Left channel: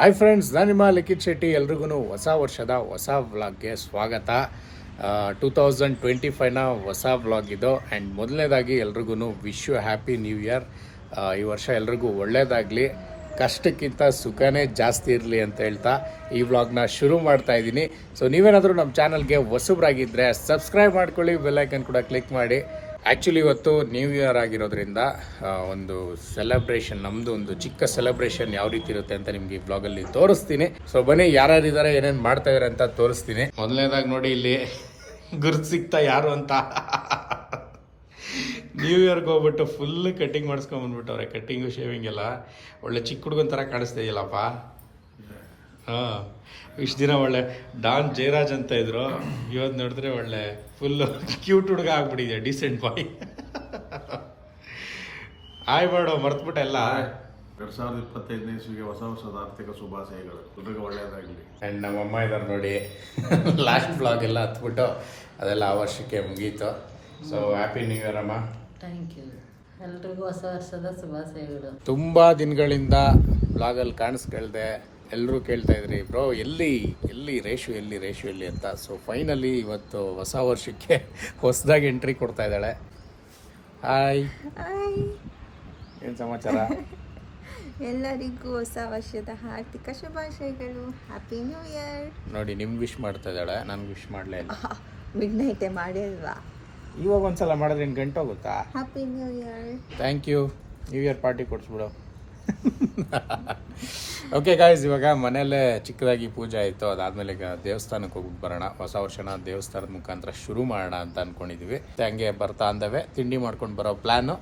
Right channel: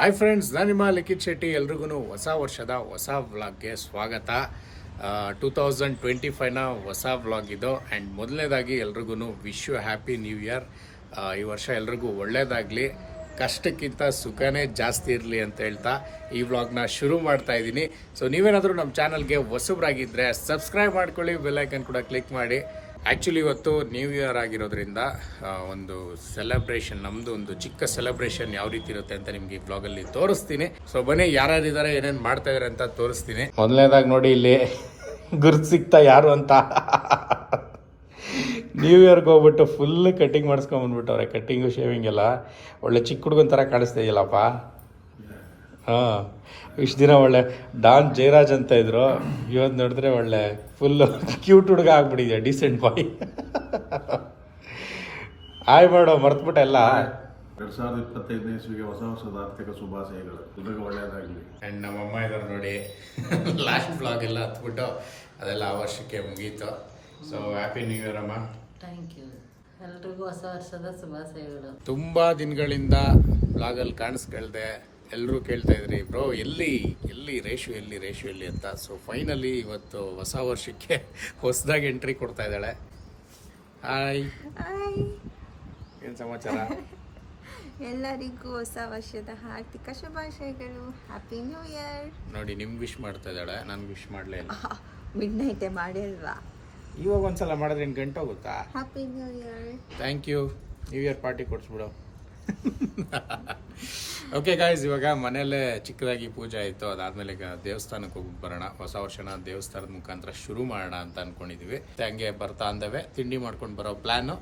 Hi friends ನಾನು ನಿಮ್ಮ ಲಿಖಿತ್ ಶೆಟ್ಟಿ ಎಲ್ರಿಗೂ ಹೊಸ ವರ್ಷದ ಹೊಸ ವ್ಲಾಗ್ಗೆ ಸ್ವಾಗತ. ಟೂ ತೌಸಂಡ್ ಟ್ವೆಂಟಿ ಫೈವ್ನ ಹೊಸ ವ್ಲಾಗ್ ಇದು. ಆ್ಯಂಡ್ ಮೊದಲನೇದಾಗಿ ಎಲ್ರಿಗೂ wish you happy new year ಈ ವರ್ಷ ಎಲ್ರಿಗೂ ಒಳ್ಳೆಯದಾಗಲಿ ಕಷ್ಟಕ್ಕಿಂತ ಸುಖನೇ ಜಾಸ್ತಿ ಇರಲಿ ಅಂತ ಹೇಳ್ತಾ ಈ ವ್ಲಾಗ್ನ ಶುರು ಮಾಡ್ತಾ ಇದ್ದೀನಿ. ಸೊ ನೀವೇನಾದರೂ ನಮ್ಮ ಚಾನಲ್ಗೆ ಹೊಸಬ್ರಾಗಿದ್ದರೆ ಸಬ್ಸ್ಕ್ರೈಬ್ ಮಾಡ್ಕೊಳ್ಳಿ ಬೆಲ್ಲೈಕನ್ ಕೂಡ ಕ್ಲಿಕ್ ಮಾಡಿ. ಆ್ಯಕ್ಚುಲಿ ಇವತ್ತು ನ್ಯೂ ಇಯರ್ ಆಗಿರೋದ್ರಿಂದ ಒಂದು ಸೆಲೆಬ್ರೇಷನ್ ನಮ್ಮದು ಒಂದು ಚಿಕ್ಕ ಸೆಲೆಬ್ರೇಷನ್ ಯಾವ ರೀತಿ ಇರುತ್ತೆ ಅಂತ ನಿಮ್ಗೆ ಈ ಬ್ಲಾಗಲ್ಲಿ ತೋರಿಸ್ತೀನಿ. ಸೊ ಬನ್ನಿ, ಯಾರ್ಯಾರಿದ್ದಾರೆ, ಏನೇನು ಮಾಡ್ತಾ ಇದಾರೆ ಅಂತ ತೋರಿಸ್ತೀನಿ. ಮೊದಲನೇದಾಗ ನೋಡಿ, ಇಲ್ಲಿ ಗುರ್ತು ಸಿಗ್ತಾ ಯಾರು ಅಂತ. ನ್ಯೂ ಇಯರ್ಗೆ ಹೋಗ್ಬಿಟ್ಟು ಫುಲ್ ಕಟ್ಟಿಂಗ್ ಮಾಡಿಸ್ಕೊಂಬಂದ್ಬಿಟ್ಟವ್ರೆ ಕಟ್ಟಿಂಗು ಶೇವಿಂಗ್ ಎಲ್ಲ. ಒಳ್ಳೆ ಚಿಕ್ಕ ಹುಡುಗನ ಥರ ಕಾಣಿಸ್ತಾ ಇದೆಯಲ್ಲಪ್ಪ. ಹಾಂ. ಇಷ್ಟು ದಿನ ಒಳ್ಳೆ ಡಾನ್ ಜಯರಾಜ್ ಅಂತ ಇದ್ರು. ಇವತ್ತು ನೋಡಿದ್ರೆ ಒಳ್ಳೆ ಫುಲ್ ಕ್ಯೂಟ್ ಹುಡುಗ ಆಗ್ಬಿಟ್ಟಿದೆ ಡಿಸೆಂಟ್ ಬಾಯ್ ಆಯ್ ಮಾಡೋ ಮರ್ತ್ಬಿಟ್ಟೆ ಎಲ್ಲ. ಎರಡ್ ಸಾವಿರದ ಇಪ್ಪತ್ತೈದನೇ ಇಸ್ವಿಗೆ ಹೊಸ ಹೊಸದ ಆರ್ಥಿಕ ಶುಭಾಶಯಗಳು. ಎಲ್ರಿಗೂ ಒಳ್ಳೆಯದಾಗಲಿ ಆ್ಯಂಡ್ ನಮ್ಮಮ್ಮ ಇದ್ದಾರೆ ನೋಡಿ. ಲಾಸ್ಟ್ ಬ್ಲಾಗ್ ಎಲ್ಲ ಹತ್ಬಿಟ್ಟು ಅದೆಲ್ಲ ಆ ವರ್ಷಕ್ಕೆ ಮುಗೀತು. ಸೊ ಹ್ಯಾಪಿ ನ್ಯೂ ಇಯರ್ ಅಮ್ಮ. ಥ್ಯಾಂಕ್ ಯು ಎಲ್ರಿಗೂ ಹೊಸ ವರ್ಷದ ಶುಭಾಶಯಗಳು. ತುಂಬ ದಿನಗಳಿಂದ ಬ್ಲಾಗಲ್ಲಿ ಕಾಣಿಸ್ಕೊಳ್ದೆ. ಎಲ್ಲರೂ ಕೇಳ್ತಾ ಇದ್ರಿ ಬ್ರೋ ಎಲ್ಲಿ ಎಲ್ಲಿ ರೇಷು ಎಲ್ಲಿ ರೇಷು ಎಲ್ಲಿ ಅಂತ? ಸೊ ಫೈನಲಿ ಇವತ್ತು ಹೊಸ ವರ್ಷಕ್ಕೆ ಹೊಸದಾಗಿ ಎಂಟ್ರಿ ಕೊಡ್ತಾ ಇದ್ದಾಳೆ. ಹಾಯ್ ಏನು ಸಮಾಚಾರ? ಎಲ್ಲರಿಗೂ ಹೊಸ ವರ್ಷದ ಹಾರ್ದಿಕ ಶುಭಾಶಯಗಳು. ಹ್ಯಾಪಿ ನ್ಯೂ ಇಯರ್ ನೋಡಿ ನಿಮ್ಗೆ ವಿಶ್ ಮಾಡ್ತಾ ಇದ್ದಾಳೆ ನನ್ಗೆ ವಿಶ್ ಮಾಡಲೇ ಇಲ್ಲ. ಮಿಡ್ ನೈಟೇ ಮಾಡಿಲ್ವಾ? ಇವಾಗ ಒಂದ್ಸಲ ಮಾಡಿದ್ರೆ ಏನು ಗಂಟೆ ಹೋಗುತ್ತಾ happy new year thank you new year party ಕೊಡಿಸ್ಬಿಡು. Okay guys ಇವಾಗ ಮನೆಯಲ್ಲೇ ಚಿಕ್ಕದಾಗಿ ಪೂಜೆ ಆಯಿತು. ಅದಾದಮೇಲೆ ಈಗ ದೇವಸ್ಥಾನಕ್ಕೆ ಹೋಗ್ಬಿಟ್ಟು ಬರೋಣ. ಹೊಸ ವರ್ಷನ ದೇವಸ್ಥಾನದ ಮುಖಾಂತರ ಶುರು ಮಾಡೋಣ ಅಂತ ಅಂದ್ಕೊಂಡಿದ್ದೀವಿ ಹಂಗೆ ಬರ್ತಾ ಅಂದವೆ. ತಿಂಡಿ ಮಾಡ್ಕೊಂಡು ಬರೋ ಪ್ಲ್ಯಾನು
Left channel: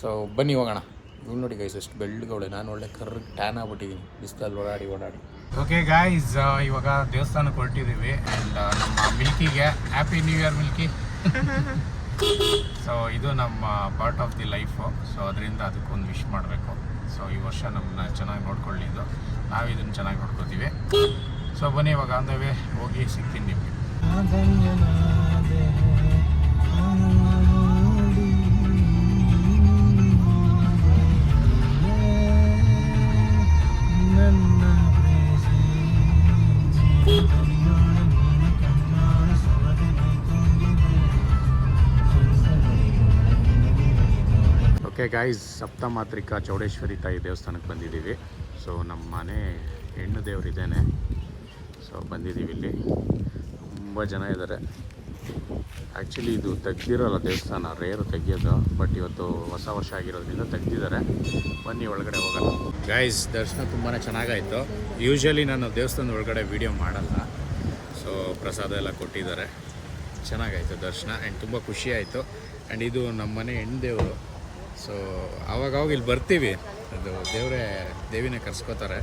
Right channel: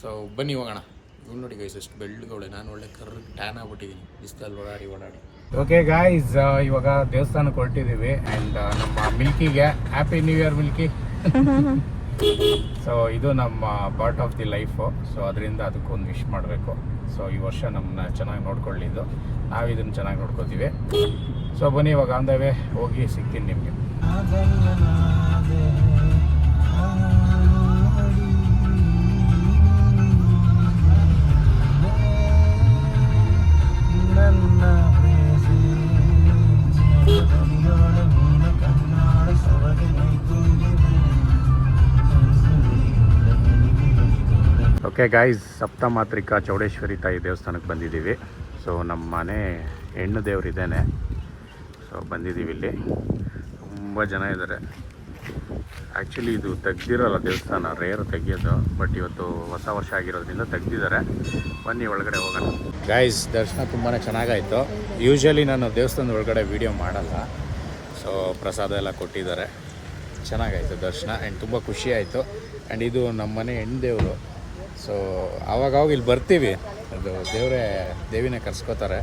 ಸೊ ಬನ್ನಿ ಹೋಗೋಣ. ಇವ್ ನೋಡಿ ಗೈಸ್ ಎಷ್ಟು ಬೆಳ್ಳಗವಳೆ. ನಾನು ಒಳ್ಳೆ ಕರ್ ಟ್ಯಾನ್ ಆಗ್ಬಿಟ್ಟಿದ್ದೀನಿ ಬಿಸಿಲಲ್ಲಿ ಓಡಾಡಿ ಓಡಾಡಿ. ಓಕೆ ಗಾಯ್ಸ್ ಇವಾಗ ದೇವಸ್ಥಾನಕ್ಕೆ ಹೊರಟಿದ್ದೀವಿ ಆ್ಯಂಡ್ ನಮ್ಮ ಮಿಲ್ಕಿಗೆ happy new year Milky. So ಇದು ನಮ್ಮ part of the life so ಅದರಿಂದ ಅದಕ್ಕೊಂದು ವಿಶ್ ಮಾಡಬೇಕು. ಸೊ ಈ ವರ್ಷ ನಮ್ಮನ್ನ ಚೆನ್ನಾಗಿ ನೋಡ್ಕೊಳ್ಳಿದ್ದು ನಾವು ಇದನ್ನು ಚೆನ್ನಾಗಿ ನೋಡ್ಕೊತೀವಿ ಸೊ ಬನ್ನಿ ಇವಾಗ ಅಂದವೆ ಹೋಗಿ ಸಿಗ್ತೀನಿ ನಿಮಗೆ. ಓಕೆ ಗಾಯ್ಸ್ ಸಪ್ತಮಾತ್ರಿಕಾ ಚೌಡೇಶ್ವರಿ ತಾಯಿ ದೇವಸ್ಥಾನಕ್ಕೆ ಬಂದಿದ್ದೀವಿ. ಸೊ ನಮ್ಮ ಮನೆ ಹೆಣ್ಣು ದೇವರಿದ್ದೇನೆ ಸೊ ಬಂದಿದ್ದೀವಿ ಇಲ್ಲಿ. ತುಂಬ ಜನ ಇದ್ದಾರೆ. ಆ್ಯಕ್ಚುಲಿ ಇದು ತೆಗ್ದಿರೋಲ್ಲ ದೇವಸ್ಥಾನ. ರೇರು ತೆಗೆಯೋದು. ಬಟ್ ಇವತ್ತು ಹೊಸ ವರ್ಷ ಆಗಿರೋದ್ರಿಂದ ತೆಗ್ದಿದ್ದಾರೆ. ಬನ್ನಿ, ಒಳಗಡೆ ಹೋಗೋಣ. ಗಾಯ್ಸ್ ದರ್ಶನ ತುಂಬಾ ಚೆನ್ನಾಗಾಯಿತು. ಯೂಶ್ವಲಿ ನಾನು ದೇವಸ್ಥಾನದ ಒಳಗಡೆ ವೀಡಿಯೋ ಮಾಡಲ್ಲ. ಸೊ ಪ್ರಸಾದ ಎಲ್ಲ ಕೊಟ್ಟಿದ್ದಾರೆ. ಚೆನ್ನಾಗಾಯಿತು ದರ್ಶನ. ಆ್ಯಂಡ್ ತುಂಬ ಖುಷಿ ಆಯಿತು ಆ್ಯಂಡ್ ಇದು ನಮ್ಮ ಮನೆ ಹೆಣ್ಣು ದೇವರು. ಸೊ ಆವಾಗವಾಗ ಇಲ್ಲಿ ಬರ್ತೀವಿ. ಅದು ದೇವರೇ ದೇವಿನೇ ಕರ್ಸ್ಕೋತಾರೆ.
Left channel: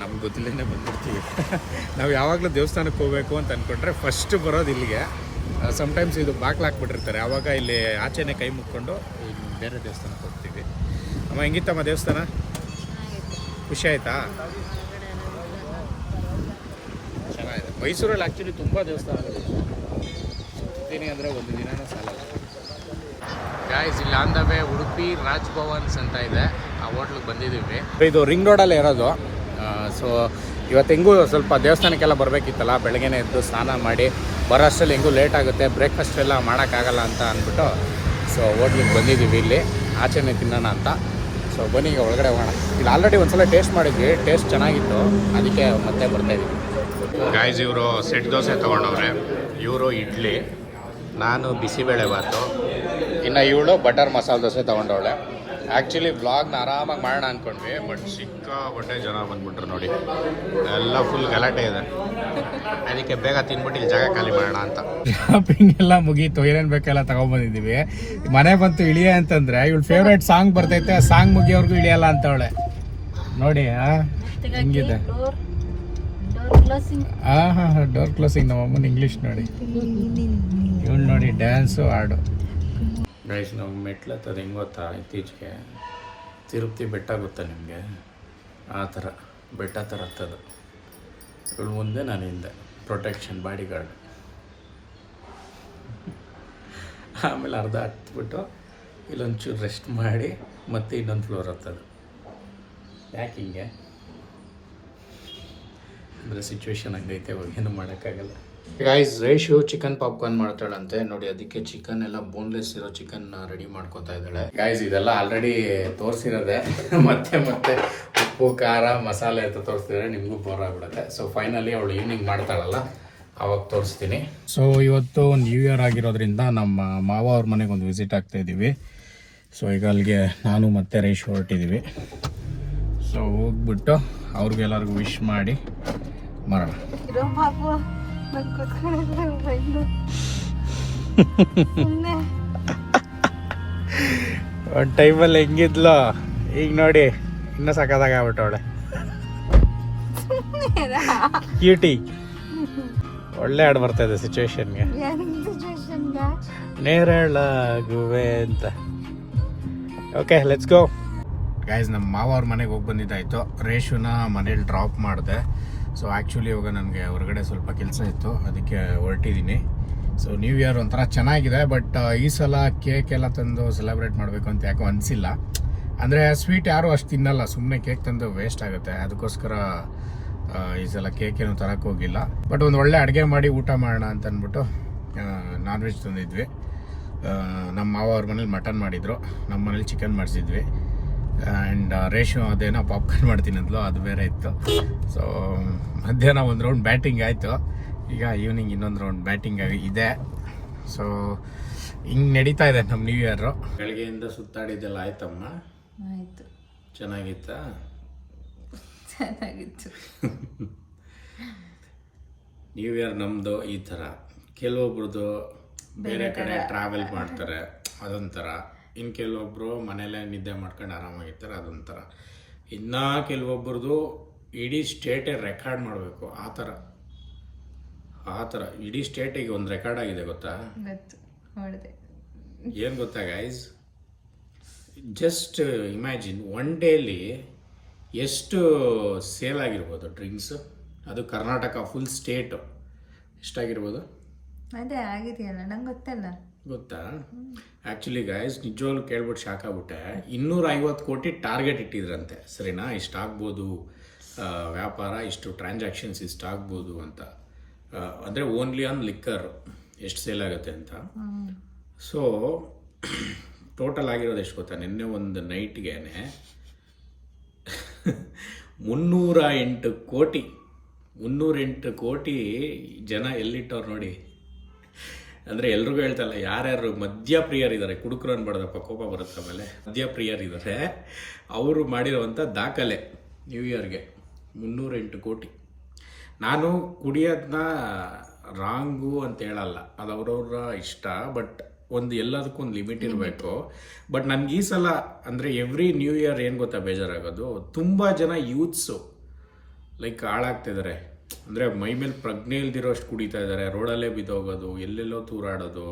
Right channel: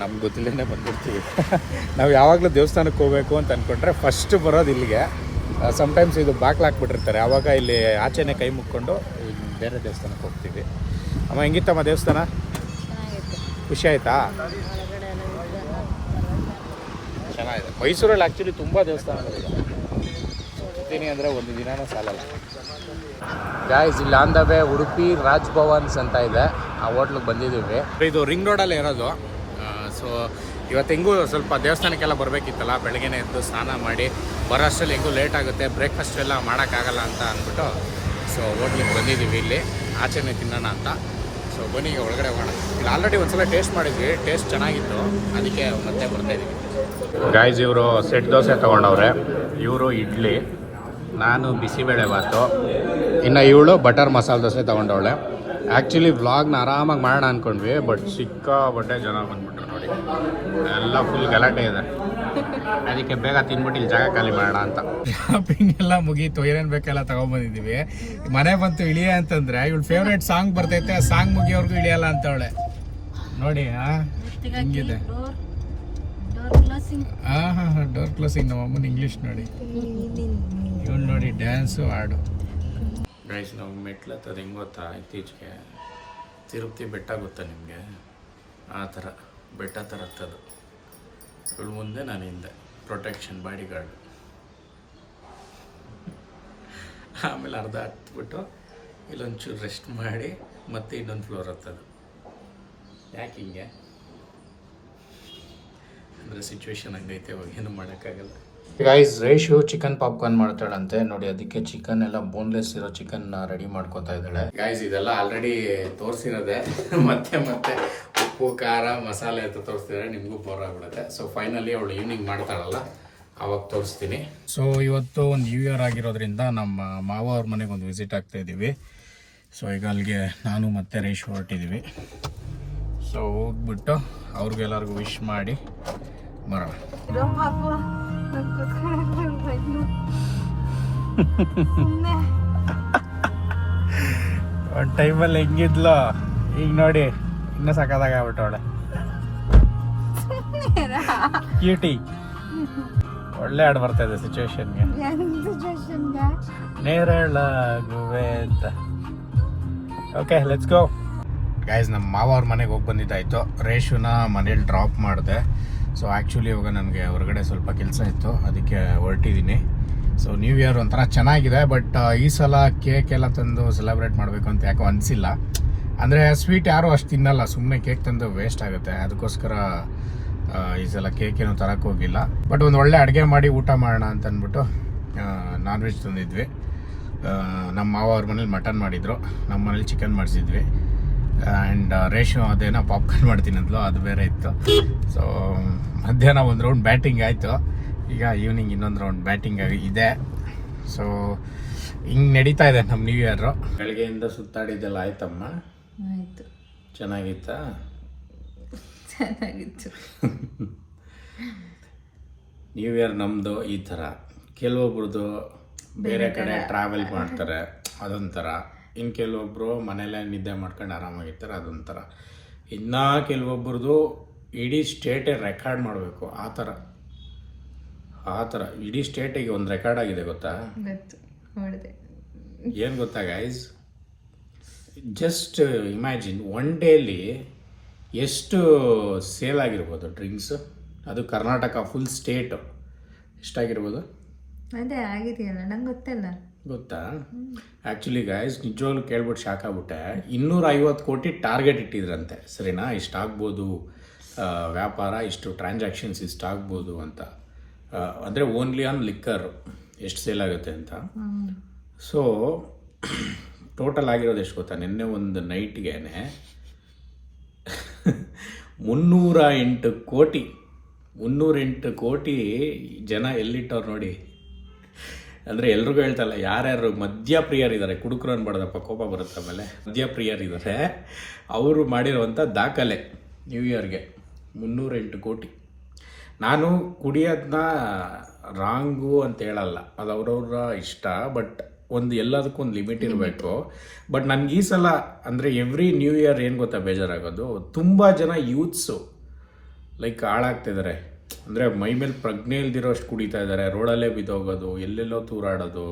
ನಮ್ಗೆ ಗೊತ್ತಿಲ್ಲೇ ಬಂದಿರ್ತೀವಿ ನಾವು ಯಾವಾಗಲೂ ದೇವಸ್ಥಾನಕ್ಕೆ ಹೋಗಬೇಕು ಅಂತ ಅಂದ್ಕೊಂಡ್ರೆ ಫಸ್ಟ್ ಬರೋದು ಇಲ್ಲಿಗೆ. ಸಮ್ಟೈಮ್ಸ್ ಇದು ಬಾಗ್ಲು ಹಾಕ್ಬಿಟ್ಟಿರ್ತಾರೆ. ಆವಾಗ ಇಲ್ಲಿ ಆಚೆನೆ ಕೈ ಮುಕ್ಕೊಂಡು ಬೇರೆ ದೇವಸ್ಥಾನಕ್ಕೆ ಹೋಗ್ತೀವಿ. ಅಮ್ಮ ಹೆಂಗಿತ್ತಮ್ಮ ದೇವಸ್ಥಾನ? ಖುಷಿ ಆಯ್ತಾ? ಚೆನ್ನಾಗಿದೆ. ಮೈಸೂರಲ್ಲಿ ಆ್ಯಕ್ಚುಲಿ ತುಂಬ ದೇವಸ್ಥಾನಗಳಿದೆ ಬರ್ತೀನಿ ಅಂದರೆ ಒಂದು ದಿನನೂ ಸಾಲಲ್ಲ. ಗಾಯ್ಸ್ ಇಲ್ಲಿ on the way Udupi Raj Bhavans ಅಂತ ಇದೆ. ಆ ಹೋಟ್ಲಿಗೆ ಬಂದಿದ್ದೀವಿ. ಇದು ರಿಂಗ್ ರೋಡಲ್ಲೇ ಇರೋದು. ಸೊ ಇವತ್ತು ಹೆಂಗೂ ಸ್ವಲ್ಪ ದೇವಸ್ಥಾನಕ್ಕೆಲ್ಲ ಬರಬೇಕಿತ್ತಲ್ಲ ಬೆಳಗ್ಗೆನೇ ಎದ್ದು ಸ್ನಾನ ಮಾಡಿ ಬರೋ ಅಷ್ಟರಲ್ಲಿ ಹೆಂಗೂ ಲೇಟ್ ಆಗುತ್ತೆ ಬ್ರೇಕ್ಫಾಸ್ಟ್ ಎಲ್ಲ ಮಾಡೋಕ್ಕಾಗಲ್ಲ ಅಂತ ಅಂದ್ಬಿಟ್ಟು ಸೊ ಹೋಟ್ಲಿಗೆ ಬಂದಿದ್ದೀವಿ ಇಲ್ಲಿ. ಆಚೆನೇ ತಿನ್ನೋಣ ಅಂತ. ಸೊ ಬನ್ನಿ ಈಗ ಒಳಗಡೆ ಹೋಗೋಣ. ಇಲ್ಲಿ ಆಲ್ರೆಡಿ ಒಂದ್ಸಲ ಟೇಸ್ಟ್ ಮಾಡಿದ್ವಿ ಟೇಸ್ಟ್ ಚೆನ್ನಾಗಿತ್ತು. ಅದಕ್ಕೆ ಮತ್ತೆ ಬರ್ತಾ ಇದ್ದೀವಿ ಗಾಯ್ಸ್ ಇವರು ಸೆಟ್ ದೋಸೆ ತೊಗೊಂಡವ್ರೆ. ಇವರು ಇಡ್ಲಿ. ನಾನು ಬಿಸಿಬೇಳೆ ಬಾತು ಇನ್ನು ಇವಳು ಬಟರ್ ಮಸಾಲೆ ದೋಸೆ ತೊಗೊಂಡವಳೆ. ಆ್ಯಕ್ಚುಲಿ ವ್ಲಾಗ್ನ ಆರಾಮಾಗಿ ಮಾಡೋಣ ಅಂದ್ಕೊಂಡ್ವಿ ಬಟ್ ಸಿಕ್ಕಾಪಟ್ಟೆ ಜನ ಬಂದ್ಬಿಟ್ರು ನೋಡಿ. ಎಲ್ಲ ಫುಲ್ ಗಲಾಟೆ ಇದೆ. ಅದಕ್ಕೆ ಬೇಗ ತಿನ್ಬಿಟ್ಟು ಇಲ್ಲಿ ಜಾಗ ಖಾಲಿ ಮಾಡೋಣ ಅಂತ. ಶಾಪಿಂಗ್ ಎಲ್ಲ ಮುಗೀತು ಏನೇನು ಬೇಕೆಲ್ಲ ತೊಗೊಂಬಂದಿದ್ದೀವಿ. ಮನೆ ಬಂತು ಇಳಿಯ ಅಂತಂದ್ರೆ ಇವಳು ಫೇವ್ರೇಟ್ ಸಾಂಗ್ ಬರ್ತೈತೆ ಸಾಂಗ್ ಮುಗಿಯೋರ್ಗು ಇಳಿಯಲ್ಲ ಅಂತವಳೆ. ನೋಡಿ ಹಾಂ ಹೆಂಗಿದೆ? ಡೋರ್ ಹಾಂ ಹಾ ಹಾ ಡೋರ್ ಕ್ಲೋಸಿಂಗ್ ನಮ್ಮ ಅಮ್ಮನ ಇಂಗ್ಲೀಷ್ ನೋಡಿ. ಇವಳು ನೋಡಿ ಡ್ಯಾನ್ಸು ಹಾಡು. ಗೈಸ್ ನಾವು ಮೆಟ್ಲು ಹತ್ತದ ಹೆಂಗೆ ಗೊತ್ತಾ? ಇತ್ತೀಚೆಗೆ ತಿರುಪತಿ ಬೆಟ್ಟ ಗೊತ್ತಾ ನಿಮಗೆ? ಆ ಥರ ಬೆಟ್ಟ ಥರ ಹತ್ತದು. ಇವಳು ಮುಂದೆ ನಾನು ಹಿಂದೆ. ಪ್ರೊಟೆಕ್ಷನ್ ಬಾಡಿ ಗಾರ್ಡ್ ಆಮೇಲೆ ಅರ್ಧ ಹತ್ಬಿಟ್ಟು ಇಲ್ಲೊಂಚೂರು ರೆಸ್ಟ್ ಮಾಡಿ ಮತ್ತೆ ಇನ್ನೊಂದು ಫ್ಲೋರ್ ಹತ್ತದು. ಯಾಕೆ ಹಿಂಗೆ? ಅಂದರೆ ಸಿಚುವೇಶನ್ ಹಂಗೈತೆ ಇವಾಗ ಏನು ಮಾಡೋಕ್ಕಾಗಲ್ಲ. ಗೈಸ್ ರೇಷು ಚಿಕನ್ ಪಾಪ್ಕಾರ್ನ್ ಮಾಡ್ತಾಳಂತೆ. ನೋಡಿ ಅದಕ್ಕೆ ಚಿಕನ್ ಎಲ್ಲ ಬೋನ್ಲೆಸ್ ಇರೋ ಚಿಕನ್ ರೆಡಿ ಮಾಡ್ಕೊತಾ ಇದ್ದಾಳೆ. ಗೈಸ್ ಇದೆಲ್ಲ ಆಲ್ರೆಡಿ ತೋರಿಸಿರೋದೆ. ಮತ್ತೆ ಮತ್ತೆ ಉಪ್ಪು ಖಾರ ಮಸಾಲೆ ಅಂತ ತೋರಿಸ್ತಿದ್ರೆ ನಿಮಗೂ ಬೋರ್ ಆಗ್ಬಿಡುತ್ತೆ. ಸೊ ಫೈನಲಿ ಅವಳು ಈವ್ನಿಂಗ್ ಮಾಡ್ತಾಳಲ್ಲ. ಅವಾಗ ತೋರಿಸ್ತೀನಿ. ಸೊ ಇವತ್ತು ನ್ಯೂ ಇಯರ್ ಆಗಿರೋದ್ರಿಂದ ನಮ್ಮ ಮಾವ ಅವ್ರ ಮನೆಗೆ ಒಂದು ವಿಸಿಟ್ ಆಗ್ತಾ ಇದ್ದೀವಿ ಸೊ ಈಗ ಅಲ್ಲಿಗೆ ನಾನು ಮತ್ತೆ ರೇಷ್ ಹೊರಟಿದ್ದೀವಿ ಸೊ ಹೋಗ್ಬಿಟ್ಟು ಅವ್ರಿಗೆಲ್ಲರಿಗೂ ವಿಶ್ ಮಾಡಿ ಸುಮ್ನೆ. ಒಂದು ಟೈಮಲ್ಲಿ ಹೆಂಗಿದ್ಲು? ಈಗ ನೋಡಿ ಇನ್ನೂ ಸಖತ್ತಾಗ ಆಗ್ಬಿಟ್ಟವಳೆ ಕ್ಯೂಟಿ ಒಳ್ಳೆ ಹಾಡು ಬರ್ತಾ ಇದೆ ಸಿಚುವೇಶನ್ಗೆ ನೇರಳಾಗುವೆ ಅಂತ. ಓಕೆ ಲೆಟ್ಸ್ ಗೋ ಗೈಸ್ ನಮ್ಮ ಮಾವ ಅವ್ರ ಮನೆಗೆ ಹೋಗಿ ಬಂದಿದ್ದಾಯ್ತು. ರೇಷುನ ಮನೇಲಿ ಡ್ರಾಪ್ ಮಾಡಿದೆ. ಸೊ ಆ್ಯಕ್ಚುಲಿ ಇವಾಗ ನನಗೆ ಹೊರಗಡೆ ಸ್ವಲ್ಪ ಕೆಲಸ ಇತ್ತು. ಅದಕ್ಕೆ ಹೊರಟಿದ್ದೀನಿ. ಸೊ ನ್ಯೂ ಇಯರ್ ಒಂಥರ ಚೆನ್ನಾಗಿದೆ ಬಟ್ ಈ ಸಲ ಕೇಕ್ ಎಲ್ಲ ತಂದು ಸೆಲೆಬ್ರೇಟ್ ಮಾಡಬೇಕು ಅಂತ ಯಾಕೋ ಅನಿಸಿಲ್ಲ. ಅಂದರೆ ಸ್ವೀಟ್ ಯಾರೂ ಅಷ್ಟು ತಿನ್ನಲ್ಲ. ಸುಮ್ಮನೆ ಕೇಕ್ ತಂದು ವೇಸ್ಟ್ ಆಗುತ್ತೆ. ಅದಕ್ಕೋಸ್ಕರ ಈ ಸಲ ಕೇಕ್ ಏನೂ ತರಕ್ಕೆ ಹೋಗಿಲ್ಲ. ಬಟ್ ಒಂದು ಒಳ್ಳೆ ಅಡುಗೆ ಮಾಡಿ ಊಟ ಮಾಡೋಣ ಅಂತ ಅಂದ್ಬಿಟ್ಟು ನಾನ್ ವೆಜ್ ತಂದಿದ್ವಿ. ನಮ್ಮ ಮಾವ ಅವ್ರ ಮನೇಲಿ ಮಟನ್ ಮಾಡಿದ್ರು. ನಮ್ಮ ಮನೇಲಿ ಚಿಕನ್ ಮಾಡಿಸಿದ್ವಿ. ಆ್ಯಂಡ್ ರೇಷ್ಮೆ ಅದೇನೋ ಪಾಪ್ಕಾರ್ನ್ ಮಾಡ್ತೀನಂದ್ಲು ಅದು ಬೇರೆ ಇತ್ತು. ಸೊ ಮಧ್ಯಾಹ್ನ ಒಂದು ರೌಂಡ್ ಬ್ಯಾಟಿಂಗ್ ಆಯಿತು. ಈಗ ಈವ್ನಿಂಗ್ ಇನ್ನೊಂದು ರೌಂಡ್ ಬ್ಯಾಟಿಂಗ್ ಇದೆ. ಸೊ ಹಿಂಗೆ ನಡೀತಾ ಇದೆ ನಮ್ಮ ನ್ಯೂ ಇಯರು ಬೆಳಗ್ಗೆಯಿಂದ ಸುತ್ತಾಡಿದ್ದೆಲ್ಲ ಆಯ್ತಮ್ಮ? ಆಯಿತು. ಚೆನ್ನಾಗಿತ್ತಾ? ಚೆನ್ನಾಗಿತ್ತು. ನ್ಯೂ ಇಯರ್ ನಮ್ಮದು ಈ ಥರ. ಕೆಲವೊಬ್ರದ್ದು ಬೇರೆ ಕಡೆ ಟ್ರಾವೆಲ್ ಮಾಡ್ತಾರೆ ಅದೊಂಥರ. ಇನ್ನು ಕೆಲವೊಬ್ಬರು ಮನೆಯಲ್ಲೇ ನಿದ್ದೆ ಮಾಡ್ಕೊಂಡು ಆರಾಮಾಗಿರ್ತಾರೆ ಅದೊಂಥರ. ಇನ್ನು ಕೆಲವೊಬ್ರದ್ದು ಇಡೀ ಸ್ಟೇಟೇ ರೆಕಾರ್ಡ್ ಮಾಡಬೇಕು ಆ ಥರ. ಆ ಥರ. ಇಡೀ ಸ್ಟೇಟಿಗೆ ಒಂದು ರೆಕಾರ್ಡ್ ಆಗಿದೆ ಗೊತ್ತಾ? ಏನು ಗೊತ್ತಾ guys just imagine one daily ಎಷ್ಟು ಸೇಲ್ ಆಗಿರ್ಬೋದು ಡ್ರಿಂಕ್ಸ್ ಅದು ಕರ್ನಾಟಕ ಫುಲ್ ಸ್ಟೇಟು ಎಷ್ಟಾಗಿರ್ಬೋದು? ಅದೇ ಆಗಿದೆಯಲ್ಲ ನಂಗೆ ಗೊತ್ತಲ್ಲ. ಗೊತ್ತಾ? ಆ್ಯಕ್ಚುಲಿ ಗೈಸ್ ನಿಜವಾಗ್ಲೂ ಕೇಳ್ಬಿಟ್ಟು ಶಾಕ್ ಆಗ್ಬಿಟ್ಟೆ. ಇನ್ನೂರ ಐವತ್ತು ಕೋಟಿ ಟಾರ್ಗೆಟ್ ಇಟ್ಟಿದ್ರಂತೆ. ಸರಿನಾ? ಇಷ್ಟು ಆಗ್ಬೋದು. ಆ, ವ್ಯಾಪಾರ ಇಷ್ಟು ಟ್ರಾನ್ಸಾಕ್ಷನ್ಸ್ ಇಷ್ಟು ಆಗ್ಬೋದು ಅಂತ. ಅಂದರೆ ಓನ್ಲಿ ಆನ್ ಲಿಕ್ಕರ್ ಎಷ್ಟು ಸೇಲ್ ಆಗುತ್ತೆ ಅಂತ. ಸೊ ಟೋಟಲ್ ಆಗಿರೋದು ಎಷ್ಟು ಗೊತ್ತಾ? ನಿನ್ನೆ ಒಂದು ನೈಟ್ಗೆ ಮುನ್ನೂರ ಎಂಟು ಕೋಟಿ. ಮುನ್ನೂರೆಂಟು ಕೋಟಿ ಜನ ಎಲ್ಲಿಟ್ಟವ್ರು ನೋಡಿ? ಅಂದರೆ ಎಲ್ರಿಗೂ ಹೇಳ್ತಲ್ಲ, ಯಾರ್ಯಾರು ಮದ್ಯಪ್ರಿಯರಿದ್ದಾರೆ, ಕುಡುಕರು ಅನ್ಬಾರ್ದಪ್ಪ, ಕೋಪ ಬರುತ್ತೆ ಆಮೇಲೆ. ಮದ್ಯಪ್ರಿಯರಿದ್ದಾರೆ. ಅವರು ಮಾಡಿರುವಂಥ ದಾಖಲೆ ನ್ಯೂ ಇಯರ್ಗೆ ಮುನ್ನೂರೆಂಟು ಕೋಟಿ. ನಾನು ಕುಡಿಯೋದನ್ನ ರಾಂಗು ಅಂತ ಹೇಳಲ್ಲ. ಅದು ಅವ್ರವ್ರ ಇಷ್ಟ, ಬಟ್ ಒಂದು ಎಲ್ಲದಕ್ಕೂ ಒಂದು ಲಿಮಿಟ್ ಇರಬೇಕು. ಬಟ್ ನನಗೆ ಈ ಸಲ ಅಂದರೆ ಎವ್ರಿ ನ್ಯೂ ಇಯರ್ ಏನು ಗೊತ್ತಾ ಬೇಜಾರಾಗೋದು? ತುಂಬ ಜನ ಯೂತ್ಸು, ಲೈಕ್ ಹಾಳಾಗ್ತಿದ್ದಾರೆ. ಅಂದರೆ ಮೈ ಮೇಲೆ ಪ್ರಜ್ಞೆ ಇಲ್ದಿರೋಷ್ಟು ಕುಡಿತಾ ಇದ್ದಾರೆ ರೋಡಲ್ಲೇ ಬಿದ್ದೋಗೋದು ಎಲ್ಲೆಲ್ಲೋ ತೂರಾಡೋದು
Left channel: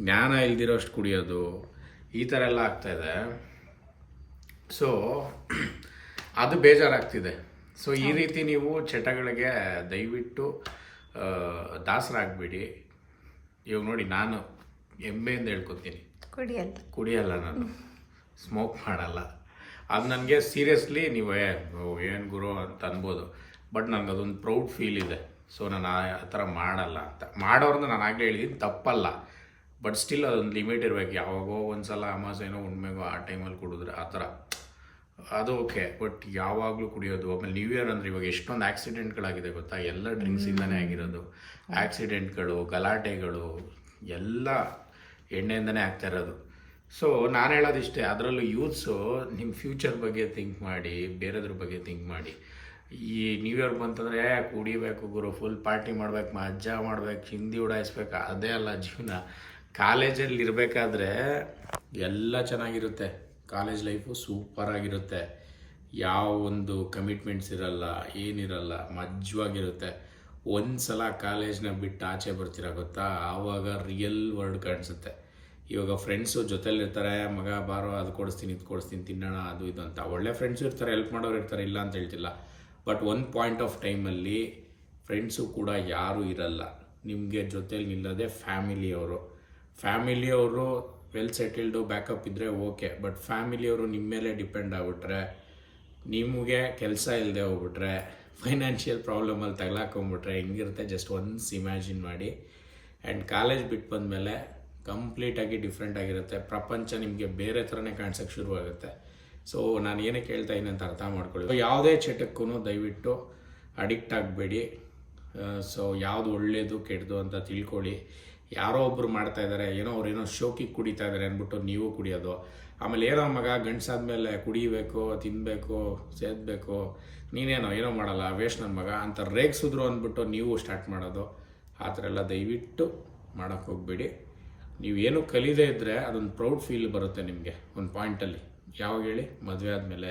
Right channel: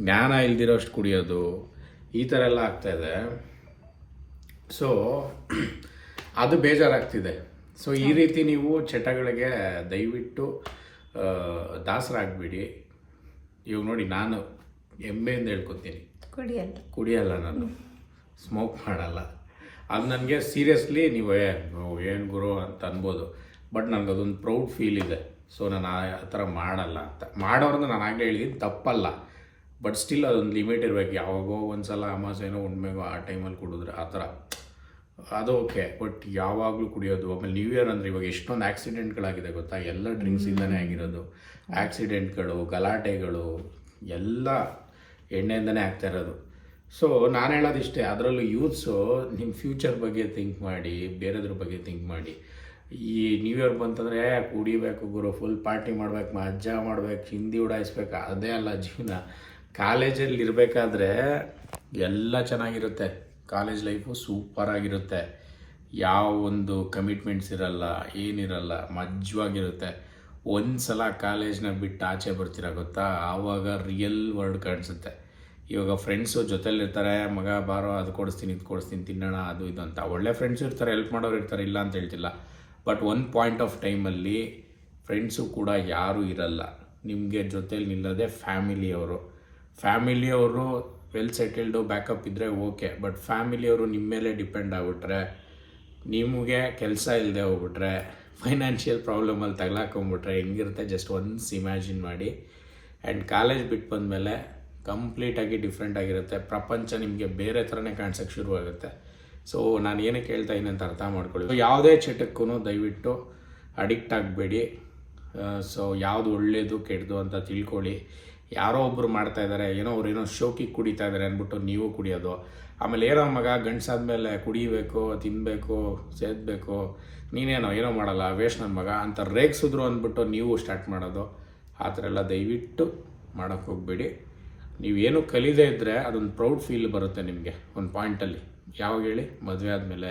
ಜ್ಞಾನ ಇಲ್ದಿರೋಷ್ಟು ಕುಡಿಯೋದು ಈ ಥರ ಎಲ್ಲ ಆಗ್ತಾ ಇದೆ. ಸೊ ಅದು ಬೇಜಾರಾಗ್ತಿದೆ. ಸೊ ಈ ರೀತಿ ನೀವು ಚಟಗಳಿಗೆ ದಯವಿಟ್ಟು ದಾಸರಾಗ್ಬಿಡಿ ದಾಸರಾಗಬೇಡಿ. ಇವಾಗ ನೋಡಿ ನಾನು ಹೆಮ್ಮೆಯಿಂದ ಹೇಳ್ಕೊತೀನಿ. ಕುಡಿಯಲ್ಲ. ಕುಡಿಯಲ್ಲ ನಾನು. ಸ್ಮೋಕ್ ಮಾಡಲ್ಲ. ಅದು ನನಗೆ ಸೀರಿಯಸ್ಲಿ ನೀವು ಏನು ಗುರು ಅಂತ ಅನ್ಬೋದು. ಬಟ್ ನನಗೆ ಅದೊಂದು ಪ್ರೌಡ್ ಫೀಲ್ ಇದೆ. ಸೊ ನಾನು ಆ ಥರ ಮಾಡಲ್ಲ ಅಂತ. ಮಾಡೋರ್ನ ನಾನು ಆಗಲೇ ಹೇಳಿದ್ದೀನಿ ತಪ್ಪಲ್ಲ. ಬಟ್ ಸ್ಟಿಲ್ ಅದೊಂದು ಲಿಮಿಟ್ ಇರಬೇಕು. ಯಾವಾಗೋ ಒಂದು ಸಲ ಅಮಾಸೆನೋ ಉಣ್ಮೆಗೋ ಆ ಟೈಮಲ್ಲಿ ಕುಡಿದ್ರೆ ಆ ಥರ. ಅದು ಓಕೆ ಬಟ್ ಯಾವಾಗಲೂ ಕುಡಿಯೋದು. ಆಮೇಲೆ ನ್ಯೂ ಇಯರ್ ಅಂದರೆ ಇವಾಗ ಎಷ್ಟೊಂದು ಆ್ಯಕ್ಸಿಡೆಂಟ್ಗಳಾಗಿದೆ ಗೊತ್ತಾ? ಎಲ್ಲ ಡ್ರಿಂಕ್ಸಿಂದನೇ ಆಗಿರೋದು. ಆ್ಯಕ್ಸಿಡೆಂಟ್ಗಳು ಗಲಾಟೆಗಳು ಎಲ್ಲ ಎಣ್ಣೆಯಿಂದನೇ ಆಗ್ತಾ ಇರೋದು. ಸೊ ನಾನು ಹೇಳೋದಿಷ್ಟೇ ಅದರಲ್ಲೂ ಯೂತ್ಸು ನಿಮ್ಮ ಫ್ಯೂಚರ್ ಬಗ್ಗೆ ಥಿಂಕ್ ಮಾಡಿ ಬೇರೆದ್ರ ಬಗ್ಗೆ ಥಿಂಕ್ ಮಾಡಿ. ಈ ನ್ಯೂ ಇಯರ್ ಬಂತಂದರೆ ಕುಡಿಬೇಕು ಗುರು ಫುಲ್ ಪಾರ್ಟಿ ಮಾಡ್ಬೇಕು, ಮಜ್ಜಾ ಮಾಡ್ಬೇಕು, ಹಿಂದಿ ಉಡಾಯಿಸ್ಬೇಕು, ಅದೇ ಅಲ್ಲ ಜೀವನ. ಕಾಲೇಜಲ್ಲಿ ಇರಬೇಕಾದ್ರೆ ಎಲ್ಲ ಚೆನ್ನಾಗಿರುತ್ತೆ. ಕಾಲೇಜ್ ಲೈಫು ಸೂಪರ್ ಆಗಿರುತ್ತೆ ಯಾವ ಒಂದು ಕಮಿಟ್ಮೆಂಟ್ಸ್ ಇರಲ್ಲ, ಏನಿರಲ್ಲ, ಮಜ್ವಾಗಿರುತ್ತೆ. ಒಂದು ಸಲ ಕಾಲೇಜ್ನ ಬಿಟ್ಟು ಆಚೆ ಬರ್ತೀರ ಗೊತ್ತಾ? ಆವಾಗ ರಿಯಲ್ ವರ್ಲ್ಡ್ ಕಾಣಿಸುತ್ತೆ. ಇವಾಗ ಫ್ರೆಂಡ್ಸು ಜೊತೆಲಿರ್ತಾರೆ, ಮಗ ಬಾರೋ, ಅದು ಕೊಡಿಸ್ತೀನಿ, ಇದು ಕೊಡಿಸ್ತೀನಿ, ತಿನ್ನೋಣ, ಅದು ಇದು ಅಂತ. ಒಳ್ಳೆ ಫ್ರೆಂಡ್ಸು ಇರ್ತಾರೆ ಹೆಲ್ಪ್ ಮಾಡೋರು ಇರ್ತಾರೆ, ಇಲ್ಲ ಅಂತ ಹೇಳ್ತಿಲ್ಲ. ಬಟ್ ಒಂದು ಪಾಯಿಂಟ್ ಆಫ್ ಟೈಮಲ್ಲಿ ಫ್ರೆಂಡ್ಸು ಕೂಡ ಯಾರೂ ಇರಲ್ಲ. ನಿಮಗೆ ಜೊತೇಲಿ ನಿಲ್ಲದೆ ಫ್ಯಾಮಿಲಿಯವರು ಫ್ಯಾಮಿಲಿಯವರು ವೆಲ್ ಸೆಟಲ್ಡು ಬ್ಯಾಕಪ್ ಇದ್ದರೆ ಓಕೆ ಬಟ್ ಫ್ಯಾಮಿಲಿಯವರು ನಿಮ್ಮ ಮೇಲೆ ಡಿಪೆಂಡ್ ಆಗಿಬಿಟ್ರೆ, ನಿಮಗೆ ಕೆಲಸ ಇಲ್ಲದೆ ಹೋಗ್ಬಿಟ್ರೆ ಫೈನಾನ್ಷಿಯಲ್ ಪ್ರಾಬ್ಲಮಲ್ಲಿ ತಗ್ಲಾಕೊಂಬಿಟ್ರೆ ಹೆಂಗಿರುತ್ತೆ? ಜಸ್ಟ್ ಒನ್ಸ್ ಇಮ್ಯಾಜಿನ್ ಮಾಡಿ. ಆ್ಯಂಡ್ ಕಾಲೇಜ್ ಬಿಟ್ಟು ಬಂದಮೇಲೆ ಕಂಪ್ಲೀಟಾಗಿ ಡಿಫ್ರೆಂಟ್ ಆಗಿರುತ್ತೆ. ಪ್ರಪಂಚ ನಿಮಗೆ ಬೇರೆ ಥರನೇ ಕಾಣಿಸೋಕ್ಕೆ ಶುರುವಾಗುತ್ತೆ. ಸೊ ನಾನು ಏನಕ್ಕೆ ಹೇಳ್ತಾ ಅಂತ ಅರ್ಥ ಮಾಡ್ಕೊಳ್ಳಿ. ಯಾವುದೇ ಚಟಕ್ಕೂ ದಯವಿಟ್ಟು ಅಡಿಕ್ಟ್ ಆಗಬೇಡಿ. ಸೊ ಯಾವುದು ಒಳ್ಳೆಯದು ಕೆಟ್ಟದು ಅಂತ ತಿಳ್ಕೊಳ್ಳಿ. ಯಾರೋ ಒಬ್ಬರು ಮಾಡ್ತಾ ಇದ್ದಾರೆ ಏನೋ ಅವ್ರು ಏನೋ ಶೋಕಿ ಕುಡಿತಾ ಇದ್ದಾರೆ ಅಂದ್ಬಿಟ್ಟು ನೀವು ಕುಡಿಯೋದು. ಆಮೇಲೆ ಏನೋ ಮಗ ಗಂಡ್ಸಾದ್ಮೇಲೆ ಕುಡಿಬೇಕು ತಿನ್ನಬೇಕು ಸೇದಬೇಕು, ನೀನೇನೋ ಏನೋ ಮಾಡಲ್ಲ ವೇಸ್ಟ್ ನನ್ನ ಮಗ ಅಂತ ರೇಗಿಸಿದ್ರು ಅಂದ್ಬಿಟ್ಟು ನೀವು ಸ್ಟಾರ್ಟ್ ಮಾಡೋದು. ಆ ಥರ ಎಲ್ಲ ದಯವಿಟ್ಟು ಮಾಡೋಕ್ಕೆ ಹೋಗಬೇಡಿ. ನೀವೇನು ಕಲಿದೇ ಇದ್ದರೆ ಅದೊಂದು ಪ್ರೌಡ್ ಫೀಲ್ ಬರುತ್ತೆ ನಿಮಗೆ, ಒಂದು ಪಾಯಿಂಟಲ್ಲಿ ಯಾವಾಗ ಹೇಳಿ? ಮದುವೆ ಆದಮೇಲೆ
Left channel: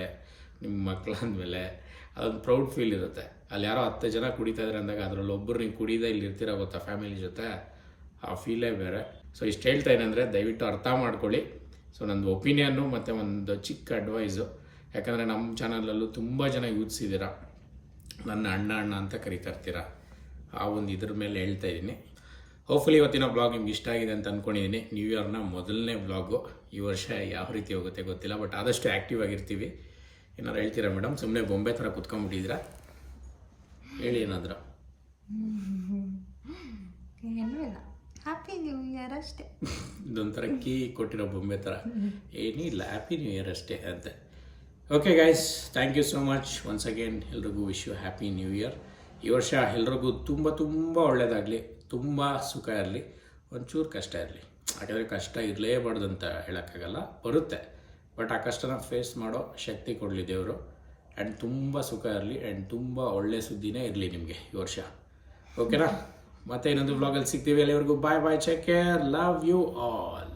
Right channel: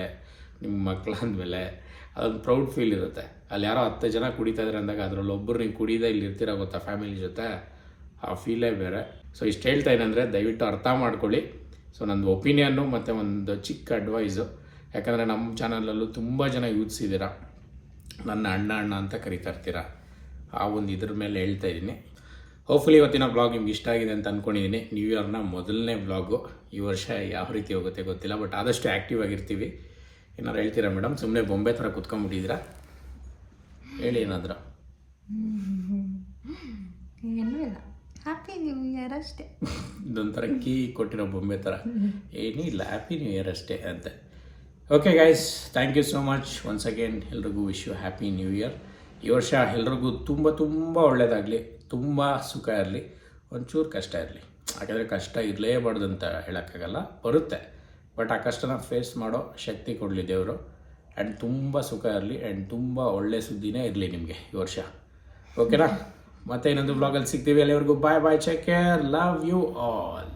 ನಿಮ್ಮ ಮಕ್ಕಳಾದ್ಮೇಲೆ ಅದೊಂದು ಪ್ರೌಡ್ ಫೀಲ್ ಇರುತ್ತೆ. ಅಲ್ಲಿ ಯಾರೋ ಹತ್ತು ಜನ ಕುಡಿತಾ ಇದ್ದಾರೆ ಅಂದಾಗ ಅದರಲ್ಲಿ ಒಬ್ಬರು ನೀವು ಕುಡಿದೇ ಇಲ್ಲಿ ಇರ್ತೀರ ಗೊತ್ತಾ ಫ್ಯಾಮಿಲಿ ಜೊತೆ? ಆ ಫೀಲೇ ಬೇರೆ. ಸೊ ಇಷ್ಟು ಹೇಳ್ತಾ ಏನಂದರೆ ದಯವಿಟ್ಟು ಅರ್ಥ ಮಾಡ್ಕೊಳ್ಳಿ. ಸೊ ನಂದು ಒಪಿನಿಯನ್ನು ಮತ್ತು ಒಂದು ಚಿಕ್ಕ ಅಡ್ವೈಸು ಯಾಕಂದರೆ ನಮ್ಮ ಚಾನಲಲ್ಲೂ ತುಂಬ ಜನ ಯೂತ್ಸ್ ಇದ್ದೀರಾ. ನನ್ನ ಅಣ್ಣ ಅಣ್ಣ ಅಂತ ಕರಿತಾ ಇರ್ತೀರ? ಆ ಒಂದು ಇದ್ರ ಮೇಲೆ ಹೇಳ್ತಾ ಇದ್ದೀನಿ. ಹೋಪ್ಫುಲಿ ಇವತ್ತಿನ ಬ್ಲಾಗ್ ನಿಮ್ಗೆ ಇಷ್ಟ ಆಗಿದೆ ಅಂತ ಅಂದ್ಕೊಂಡಿದ್ದೀನಿ ನ್ಯೂ ಇಯರ್ನ ಮೊದಲನೇ ಬ್ಲಾಗು ಈ ವರ್ಷ ಯಾವ ರೀತಿ ಹೋಗುತ್ತೆ ಗೊತ್ತಿಲ್ಲ ಬಟ್ ಆದಷ್ಟು ಆ್ಯಕ್ಟಿವ್ ಆಗಿರ್ತೀವಿ. ಏನಾರು ಹೇಳ್ತೀರಾ ಮೇಡಮ್ ಸುಮ್ಮನೆ ಬೊಂಬೆ ಥರ ಕುತ್ಕೊಂಡ್ಬಿಟ್ಟಿದ್ದೀರಾ? ಹೇಳಿ ಏನಾದರೂ. ಏನೂ ಹ್ಯಾಪಿ ನ್ಯೂ ಇಯರ್ ಅಷ್ಟೇ. ಇದೊಂಥರ ಕೀ ಕೊಟ್ಟಿರೋ ಬೊಂಬೆ ಥರ. ಏನಿಲ್ಲ ಹ್ಯಾಪಿ ನ್ಯೂ ಇಯರ್ ಅಷ್ಟೇ ಅಂತ. Okay guys thank you so much once again ಎಲ್ರಿಗೂ wish you happy new year ಈ ವರ್ಷ ಎಲ್ರಿಗೂ ತುಂಬ ತುಂಬ ಒಳ್ಳೆಯದಾಗಲಿ ತುಂಬ ಸುಖ ಇರಲಿ, ಒಂಚೂರು ಕಷ್ಟ ಇರಲಿ. ಯಾಕಂದರೆ ಕಷ್ಟ ಇರಲೇಬಾರ್ದು ಅಂತ ಹೇಳೋಕ್ಕಾಗಲ್ಲ, ಬರುತ್ತೆ. ಬಟ್ ಆ ಕಷ್ಟನ ಫೇಸ್ ಮಾಡೋ ಶಕ್ತಿ ಕೊಡಲಿ ದೇವರು. ಆ್ಯಂಡ್ ತುಂಬ ಸುಖ ಇರಲಿ ಆ್ಯಂಡ್ ತುಂಬ ಒಳ್ಳೆ ಸುದ್ದಿನೇ ಇರಲಿ ನಿಮಗೆ ಈ ವರ್ಷ. ಓಕೆನಾ ಮತ್ತೆ ಇನ್ನೊಂದು ಬ್ಲಾಗಲ್ಲಿ ಸಿಗ್ತೀವಿ ಅಲ್ಲಿವರೆಗೂ. Bye bye take care love you all